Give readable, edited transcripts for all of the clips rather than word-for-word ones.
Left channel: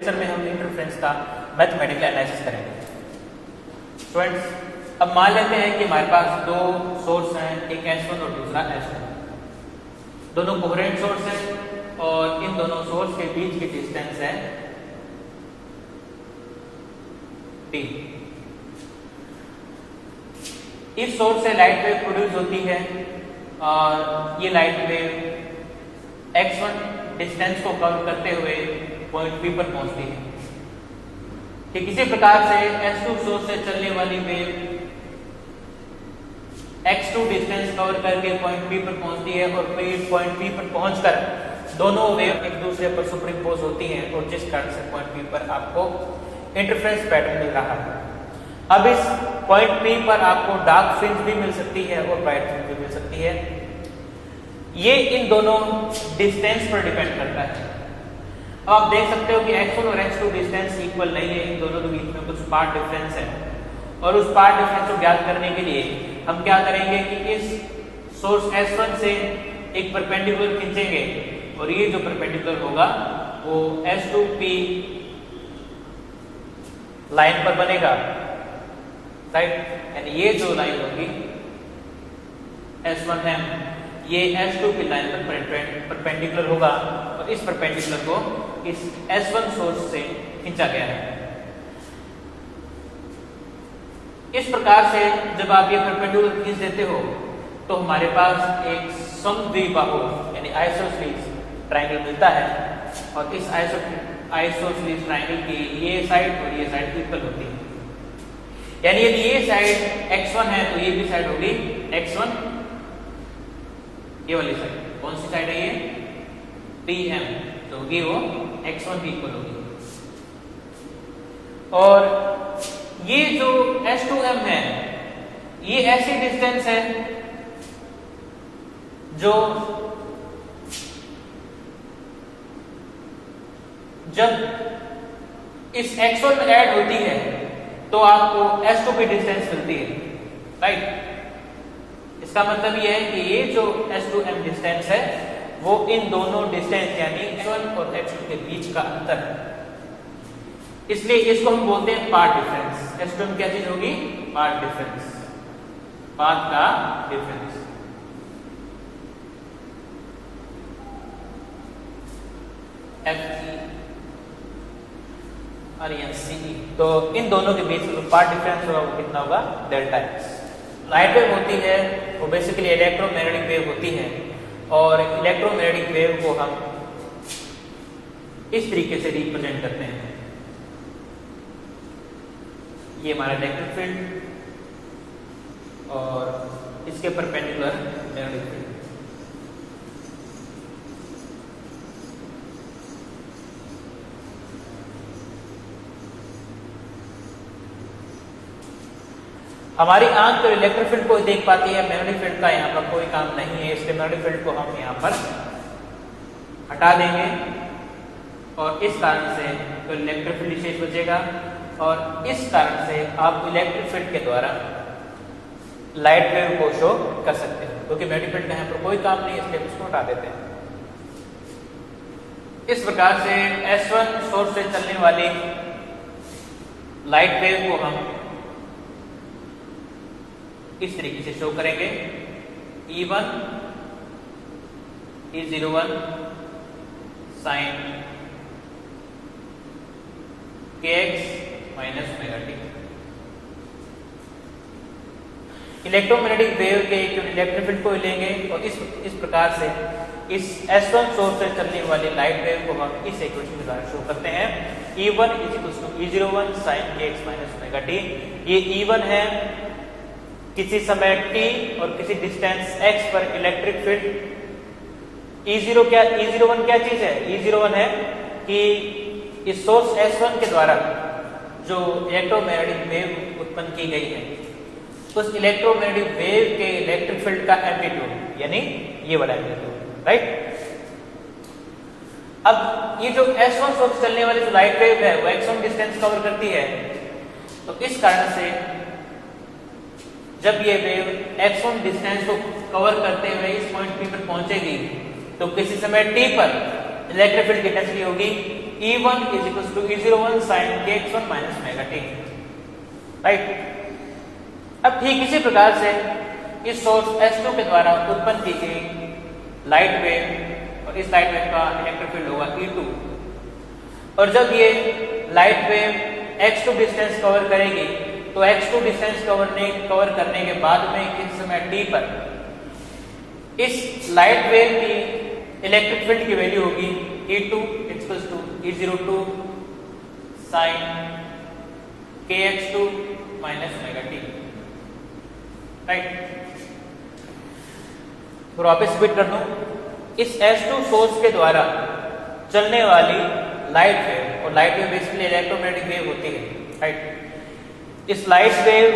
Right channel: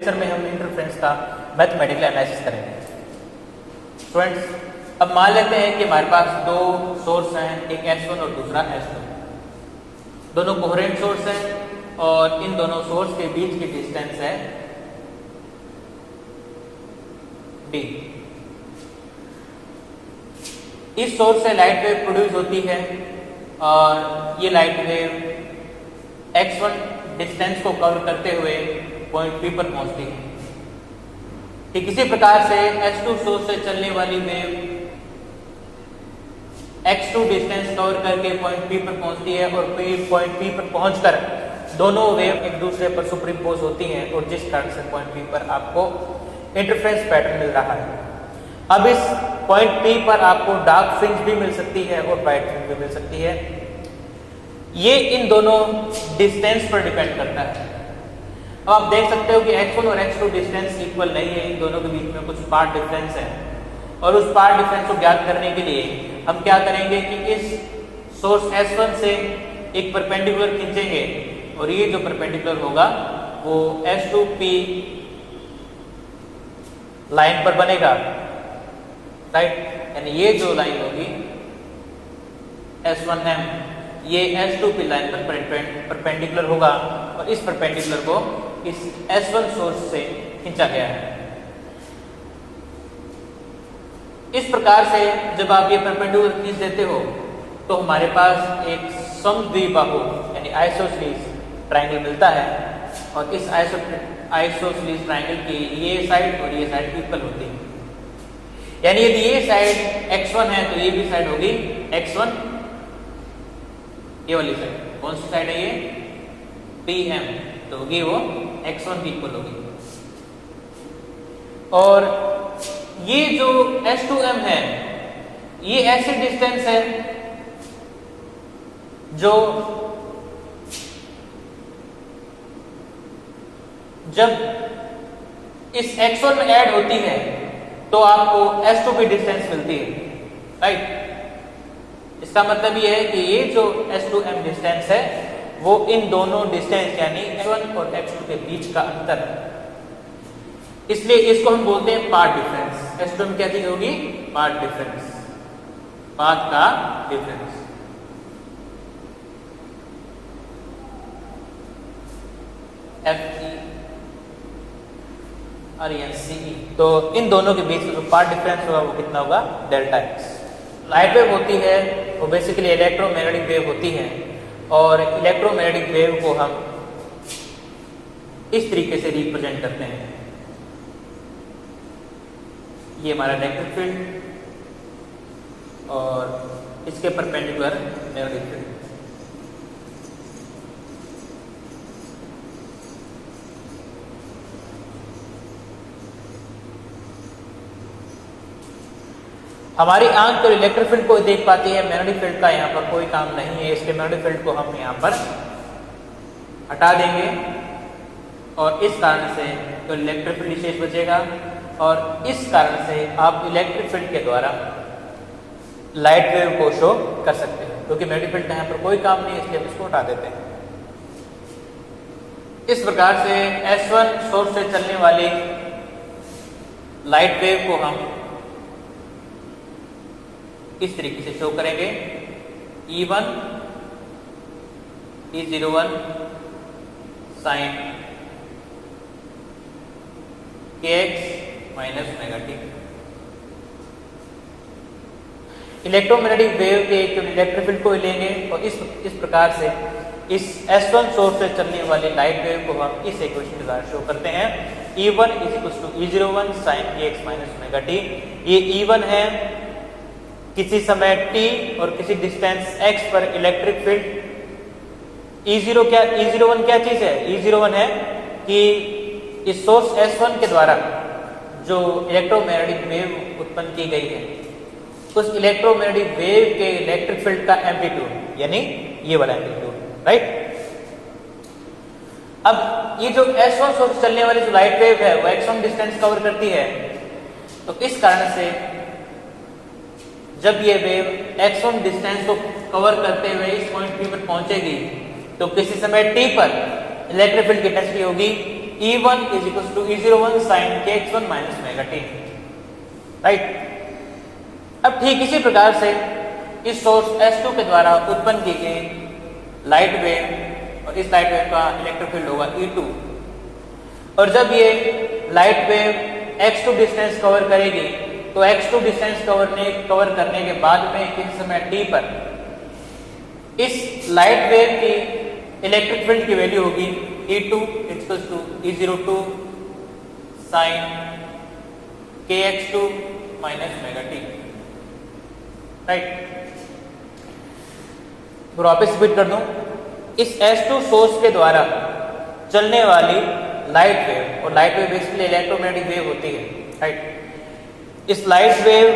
में हम इंटरफ्रेंस का मैथमेटिकल एनालिसिस करेंगे। स्टूडेंट्स, अब मान लेते हैं कि हमारे पास दो सोर्स हैं, एक S1 और दूसरा S2। दोनों कोहेरेंट सोर्स हैं और इन दोनों सोर्स के बीच की डिस्टेंस है D। इस सोर्स से लाइट वेव प्रोड्यूस होती है और ये लाइट वेव x1 डिस्टेंस को कवर करते हुए पॉइंट P पर पहुंचती है। ठीक इसी प्रकार से S2 सोर्स से चलने वाली वेव x2 डिस्टेंस कवर करके पॉइंट P पर पहुंचती है और पॉइंट P पर पहुंचकर दोनों वेव एक दूसरे पर सुपरइम्पोज होती हैं और जिस कारण से पॉइंट P पर आपको इंटरफेरेंस पैटर्न मिल रहा है। अब इस पॉइंट P पर आपको डार्क फ्रिंज भी मिल सकती है और ब्राइट फ्रिंज भी मिल सकती है। ये इन दोनों डिस्टेंस पर डिपेंड करता है। अब आप देख सकते हो कि x1 और x2 डिस्टेंस इक्वल नहीं है, इन दोनों के बीच में कुछ पार्ट डिफरेंस है और उस पार्ट डिफरेंस को ज्ञात करने के लिए हम क्या करेंगे कि इस सोर्स S1 से एक परपेंडिकुलर खींचेंगे और ये जो परपेंडिकुलर होगा वो S2P लाइन पर बनेगा, राइट। यानी ये जो लाइन होगी S1M ये S2P लाइन पर परपेंडिकुलर होगा और इस परपेंडिकुलर को इस S1 सोर्स से खींचा गया है। इस प्रकार से जब आप ये परपेंडिकुलर खींच देते हो तो हमारे पास एक समद्विबाहु यानी आइसोसेलेस ट्रायंगल मिलता है और इस आइसोसेलेस ट्रायंगल की ये साइड और ये साइड इक्वल होती है। यानी यदि ये साइड x1 है तो ये भी साइड होगी x1, ये वाली साइड कौन सी साइड है ये PM, तो होगी वो x1 की इक्वल होगी। और ये जो S2M है ये ऐसी डिस्टेंस है जो जब इस x1 में ऐड होती है तो आपको S2 की डिस्टेंस मिलती है, राइट। इसका मतलब ये है कि ये जो S2M डिस्टेंस है वो इन दोनों डिस्टेंस यानी x1 और x2 के बीच का अंतर है, इसलिए इसको हम बोलते हैं पाथ डिफरेंस। S2M क्या चीज होगी? पाथ डिफरेंस, पाथ का डिफरेंस। FE तो इन दोनों के बीच जो पाथ डिफरेंस होगा वो कितना होगा? Delta x। लाइट वेव होती है वो बेसिकली इलेक्ट्रोमैग्नेटिक वेव होती है और इलेक्ट्रोमैग्नेटिक वेव को हम इस तरीके से रिप्रेजेंट करते हैं। ये हमारा इलेक्ट्रिक फील्ड और इसके परपेंडिकुलर मैग्नेटिक फील्ड। हमारी आंख तो इलेक्ट्रिक फील्ड को देख पाती है, मैग्नेटिक फील्ड का यहाँ पर कोई काम नहीं है, इसके मैग्नेटिक फील्ड को हम यहाँ पर हटा देंगे और इस कारण से तो इलेक्ट्रिक फील्ड शेष बचेगा और इस कारण से आप इलेक्ट्रिक फील्ड के द्वारा लाइट वेव को शो कर सकते हो, क्योंकि मैग्नेटिक फील्ड का यहाँ पर कोई काम नहीं है इसलिए उसको हटा देते हैं। इस प्रकार से S1 सोर्स से चलने वाली लाइट वेव को हम इस तरीके से शो करेंगे। E1 E01 sin kx minus omega T. Electromagnetic wave के इलेक्ट्रिक फील्ड को लेंगे और इस प्रकार से इस S1 सोर्स से चलने वाली लाइट वेव को हम इस इक्वेशन के द्वारा शो करते हैं। E1 E01 sin kx minus omega T. ये E1 है किसी समय t और किसी डिस्टेंस x पर इलेक्ट्रिक फील्ड। E01 क्या चीज है? E01 है कि इस सोर्स S1 के द्वारा जो इलेक्ट्रोमैग्नेटिक वेव उत्पन्न की गई है उस इलेक्ट्रोमैग्नेटिक वेव के इलेक्ट्रिक फील्ड का एम्पलीट्यूड यानी ये वाला एम्पलीट्यूड, राइट। अब ये जो S1 सोर्स चलने वाली जो लाइट वेव है वो x1 डिस्टेंस कवर करती है, तो इस कारण से जब ये वेव x1 डिस्टेंस को कवर करते हुए इस पॉइंट P पर पहुंचेगी तो किसी समय t पर इलेक्ट्रिक फील्ड की इंटेंसिटी होगी E1 is equals to E01 sin kx1 minus omega t, right. अब ठीक इसी प्रकार से इस सोर्स S2 के द्वारा उत्पन्न की गई लाइट वेव और इस लाइट वेव का इलेक्ट्रिक फील्ड होगा E2, और जब ये light wave x2 distance cover करेगी तो x2 डिस्टेंस कवर करने के बाद में किसी समय t पर इस लाइट वेव की इलेक्ट्रिक फील्ड की वैल्यू होगी E2 equals to E02 sin kx2 minus omega t, right. और वापस रिपीट कर दूं, इस S2 सोर्स के द्वारा चलने वाली लाइट वेव, और light wave basically electromagnetic wave होती है, राइट। इस लाइट वेव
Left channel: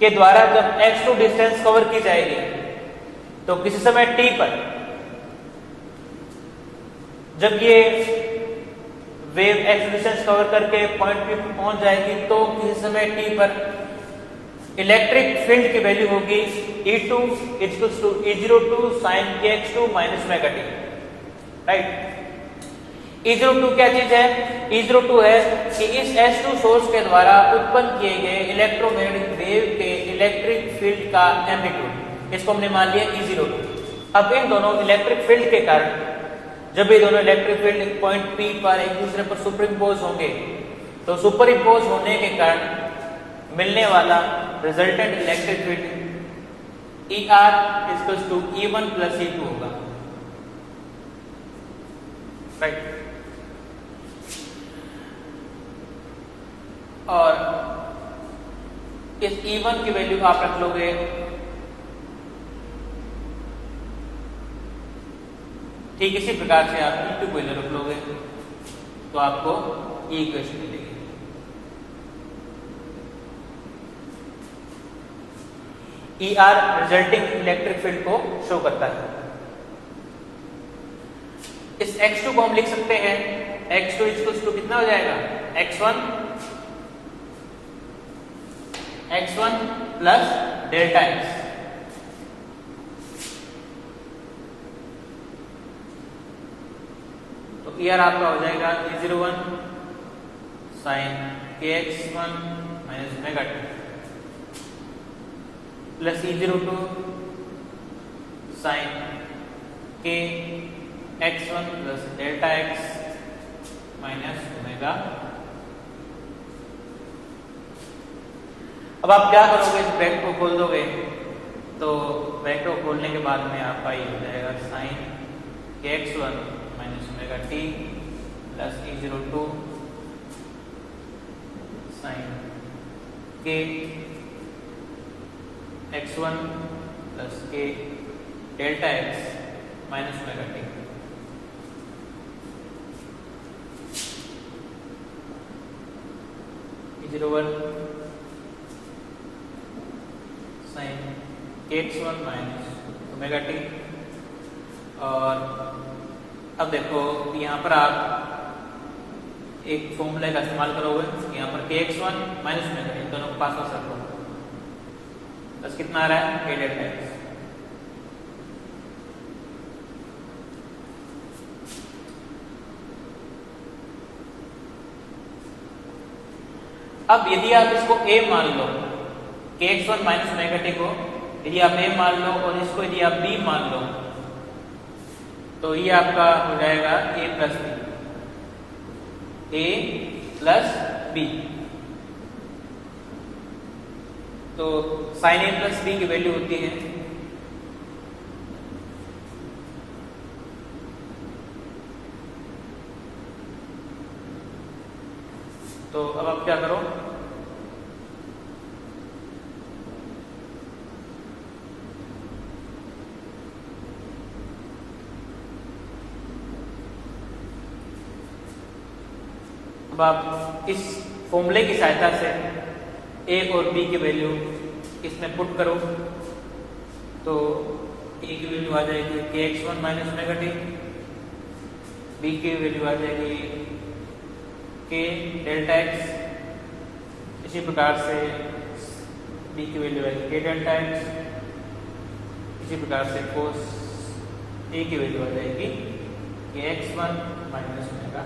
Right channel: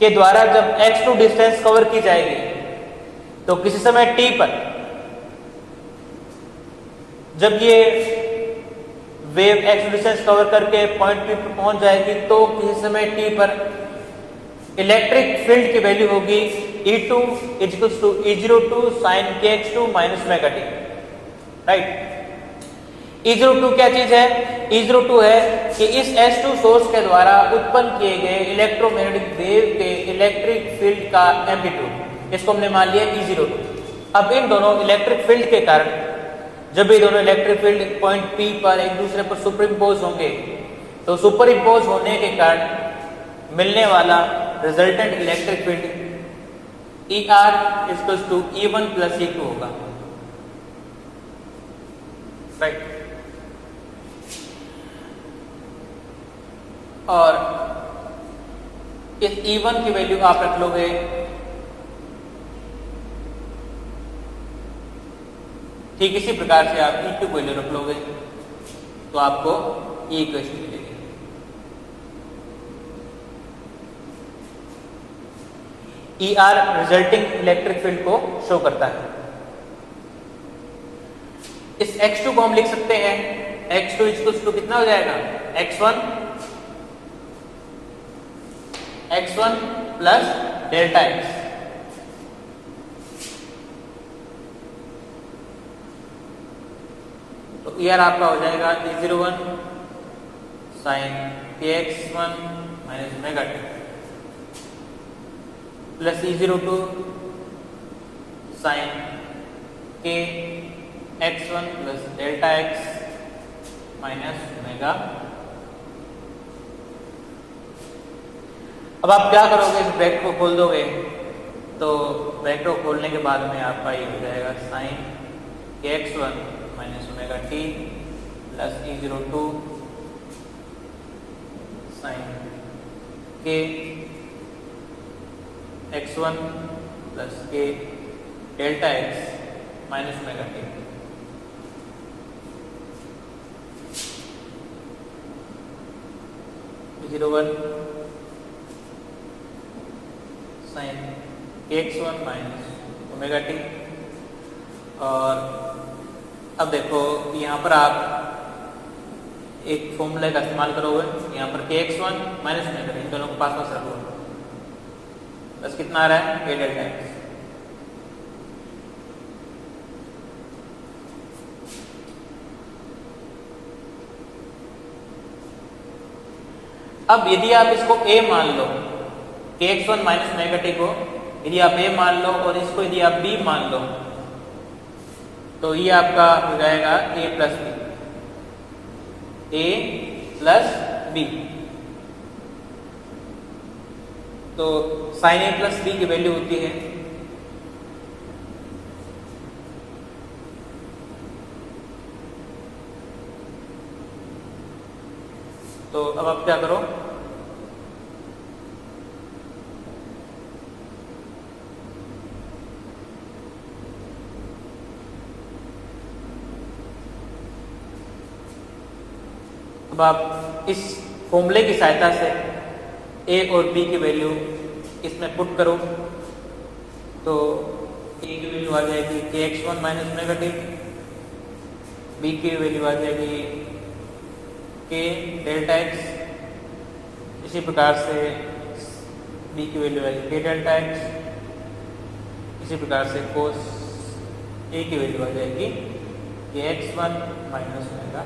के द्वारा जब x2 डिस्टेंस कवर की जाएगी तो किसी समय t पर जब ये वेव x डिस्टेंस कवर करके पॉइंट पे पहुंच जाएगी तो किसी समय t पर इलेक्ट्रिक फील्ड की वैल्यू होगी E2 equals to E02 sin kx2 minus omega t, right. E02 क्या चीज है? E02 है कि इस S2 सोर्स के द्वारा उत्पन्न किए गए इलेक्ट्रोमैग्नेटिक वेव के इलेक्ट्रिक फील्ड का एम्पलीट्यूड, इसको हमने मान लिया E02। अब इन दोनों इलेक्ट्रिक फील्ड के कारण जब ये दोनों इलेक्ट्रिक फील्ड पॉइंट P पर एक दूसरे पर सुपरइम्पोज होंगे तो सुपरइम्पोज होने के कारण मिलने वाला resultant electric field ER equals to E1 plus E2 होगा, राइट। और इस E1 की वैल्यू आप रख लोगे ठीक इसी प्रकार से आप E2 को वैल्यू रख लोगे तो आपको E इक्वेशन मिलेगी। ER रिजल्टिंग इलेक्ट्रिक फील्ड को शो करता है। इस x2 को हम लिख सकते हैं, x2 इक्वल्स टू कितना हो जाएगा? x1 प्लस डेल्टा x, तो ER आपका हो जाएगा E01 sin kx1 minus omega t plus E02 sin kx1 plus delta x minus omega. अब आप क्या करोगे? ब्रैकेट को खोल दोगे तो ब्रैकेट को खोलने के बाद में आपका ये हो जाएगा sin kx1 minus omega t plus E02 sin k x1 plus k delta x minus omega t। E01 sin kx1 minus omega t। और अब देखो यहाँ पर आप एक फॉर्मूला का इस्तेमाल करोगे, यहाँ पर kx1 माइनस ओमेगा t दोनों को पास पास रखो, बस कितना आ रहा है? k delta x। अब यदि आप इसको a मान लो, kx1 माइनस ओमेगा t को यदि आप a मान लो और इसको यदि आप b मान लो तो ये आपका हो जाएगा a प्लस b। तो sin a प्लस b की वैल्यू होती है तो अब आप क्या करो? अब आप इस फॉर्मूले की सहायता से a और b की वैल्यू इसमें पुट करो तो a की वैल्यू आ जाएगी kx1 minus omega t, b की वैल्यू आ जाएगी k डेल्टा x, इसी प्रकार से b की वैल्यू आएगी k डेल्टा x, इसी प्रकार से cos a की वैल्यू आ जाएगी kx1 माइनस ओमेगा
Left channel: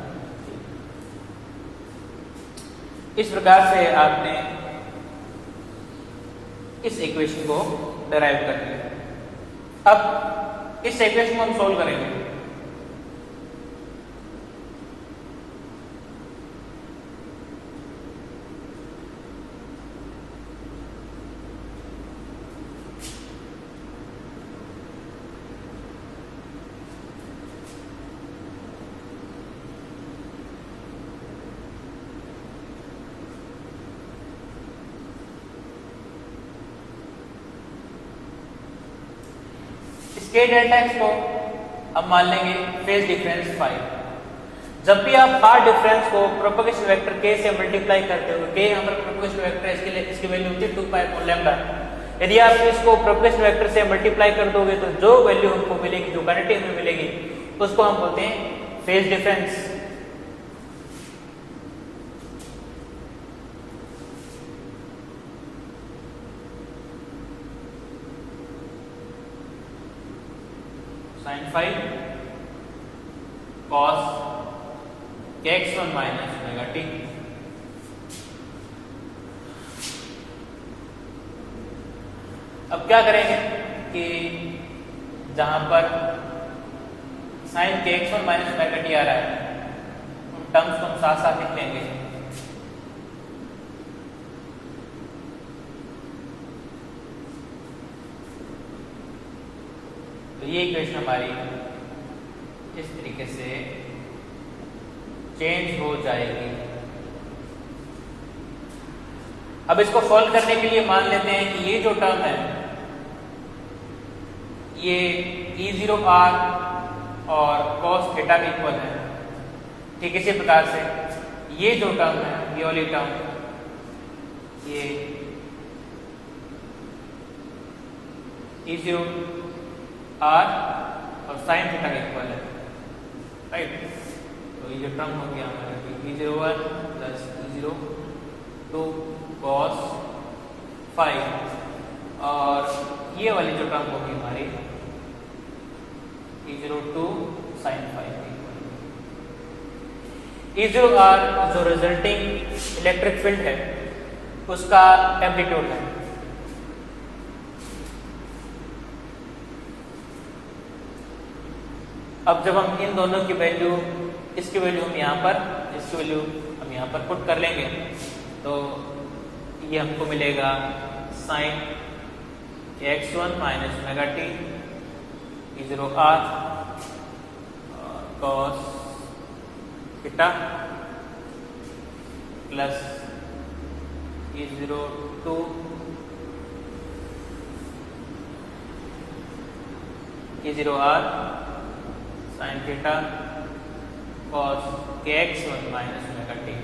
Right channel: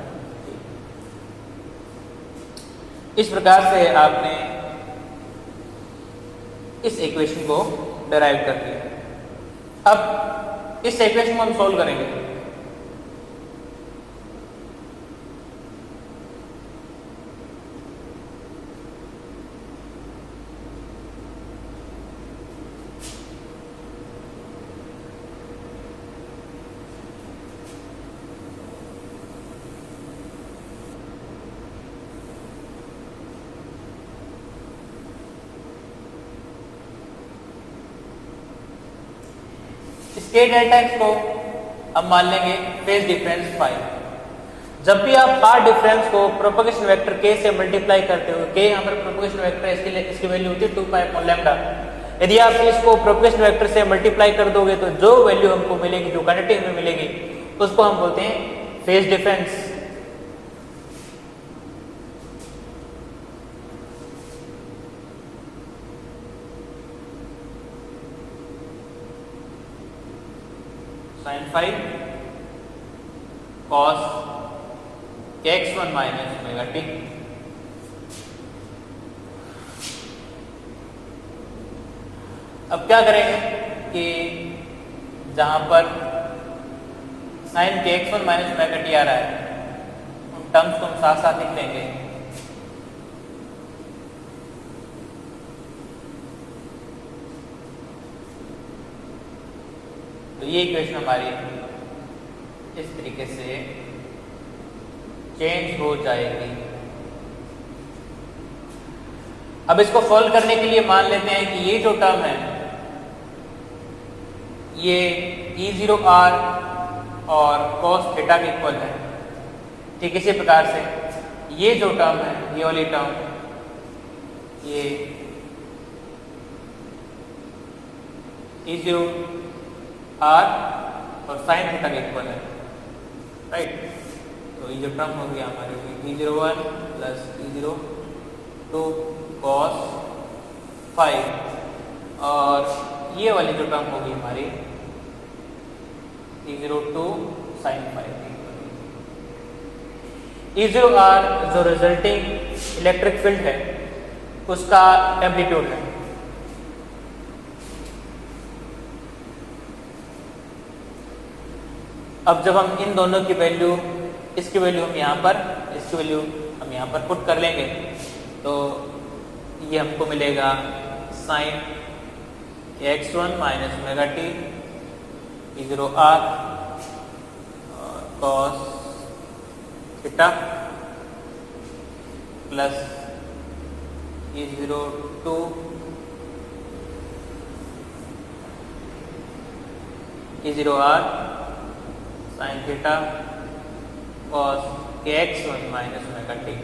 इस प्रकार से आपने इस इक्वेशन को डिराइव कर लिया। अब इस इक्वेशन को हम सॉल्व करेंगे। के डेल्टा एक्स को अब मान लेंगे फेज डिफरेंस फाई। जब भी आप पाथ डिफरेंस को प्रोपगेशन वेक्टर के से मल्टीप्लाई करते हो, के यहाँ पर प्रोपगेशन वेक्टर है, इसके लिए इसकी वैल्यू होती है 2 पाई अपॉन लैम्डा। यदि आप इसको प्रोपगेशन वेक्टर से मल्टीप्लाई कर दोगे तो जो वैल्यू हमको मिलेगी, जो क्वांटिटी में मिलेगी, तो उसको हम बोलते हैं phase difference. sin phi cos x1 minus omega T. अब क्या करेंगे कि जहां पर sin के x1 माइनस ओमेगा टी आ रहा है, उन टर्म्स को हम साथ साथ लिख लेंगे। तो ये इक्वेशन हमारी इस तरीके से चेंज हो जाएगी। अब इसको सॉल्व करने के लिए मान लेते हैं कि ये जो टर्म है ये E0R और cos थीटा के इक्वल है। ठीक इसी प्रकार से ये जो टर्म है, ये वाली टर्म, ये E0R और साइन थीटा के इक्वल है, राइट। तो ये जो टर्म हो गया हमारे E01 plus E02 cos phi, और ये वाली जो टर्म होगी हमारी E02 साइन फाई। E0R जो रिजल्टिंग इलेक्ट्रिक फील्ड है उसका एम्पलीट्यूड है। अब जब हम इन दोनों की वैल्यू, इसकी वैल्यू हम यहाँ पर, इसकी वैल्यू हम यहाँ पर पुट कर लेंगे, तो ये हमको मिलेगा sine x1 minus omega T E0R cos theta plus E02 E0R sine theta cos kx1 minus omega T.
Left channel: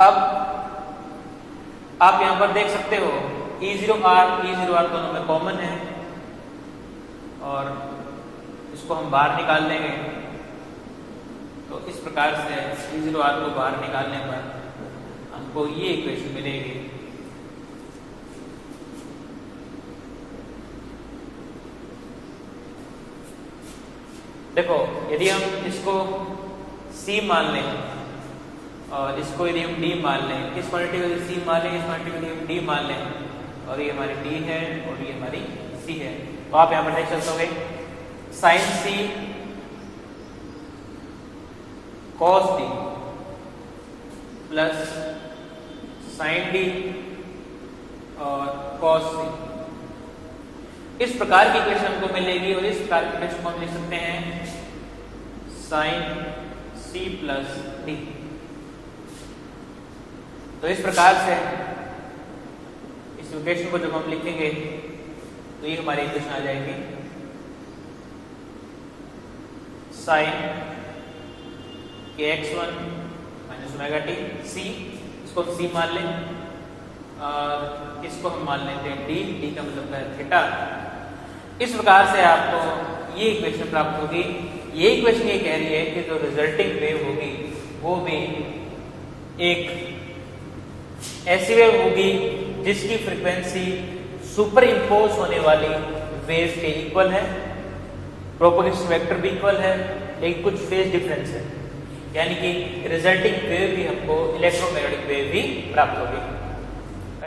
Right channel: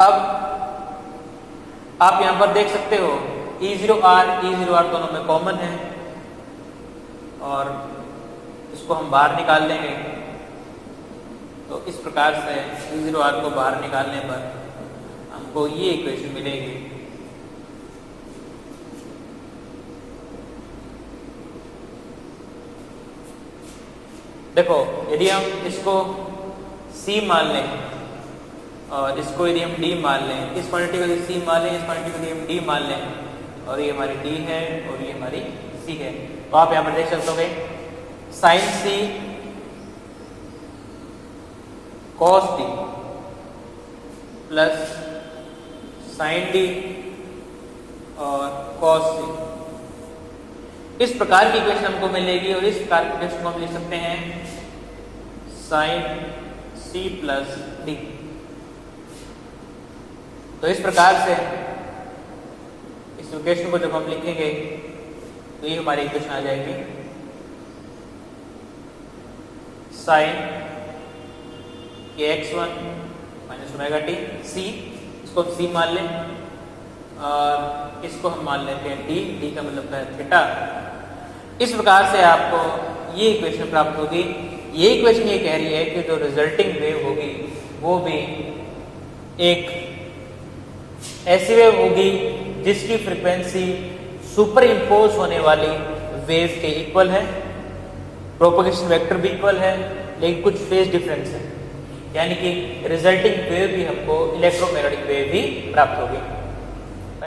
अब आप यहां पर देख सकते हो E0R दोनों में कॉमन है, और इसको हम बाहर निकाल लेंगे। तो इस प्रकार से E0R को बाहर निकालने पर हमको ये इक्वेशन मिलेगी। देखो, यदि हम इसको C मान लें और इसको यदि हम D मान लें, इस क्वांटिटी को यदि C मान लें, इस क्वांटिटी को यदि हम D मान लें, और ये हमारी D है और ये हमारी C है, तो आप यहाँ पर देख सकते हो sine C cos D plus sine D और cos C, इस प्रकार की इक्वेशन हमको मिलेगी। और इस प्रकार की इक्वेशन को हम लिख सकते हैं साइन C प्लस D। तो इस प्रकार से इस इक्वेशन को जब हम लिखेंगे तो ये हमारी इक्वेशन आ जाएगी sine kx1 minus omega T C, इसको C मान लें और इसको हम मान लेते हैं D का मतलब है थीटा। इस प्रकार से आपको ये इक्वेशन प्राप्त होगी। ये इक्वेशन ये कह रही है कि जो रिजल्टिंग वेव होगी वो भी एक ऐसी वेव होगी जिसकी फ्रीक्वेंसी सुपर इम्पोज होने वाली वेव के इक्वल है, प्रोपगेशन वेक्टर भी इक्वल है लेकिन कुछ फेज डिफरेंस है, यानी कि रिजल्टिंग वेव भी हमको इलेक्ट्रोमैग्नेटिक वेव भी प्राप्त होगी।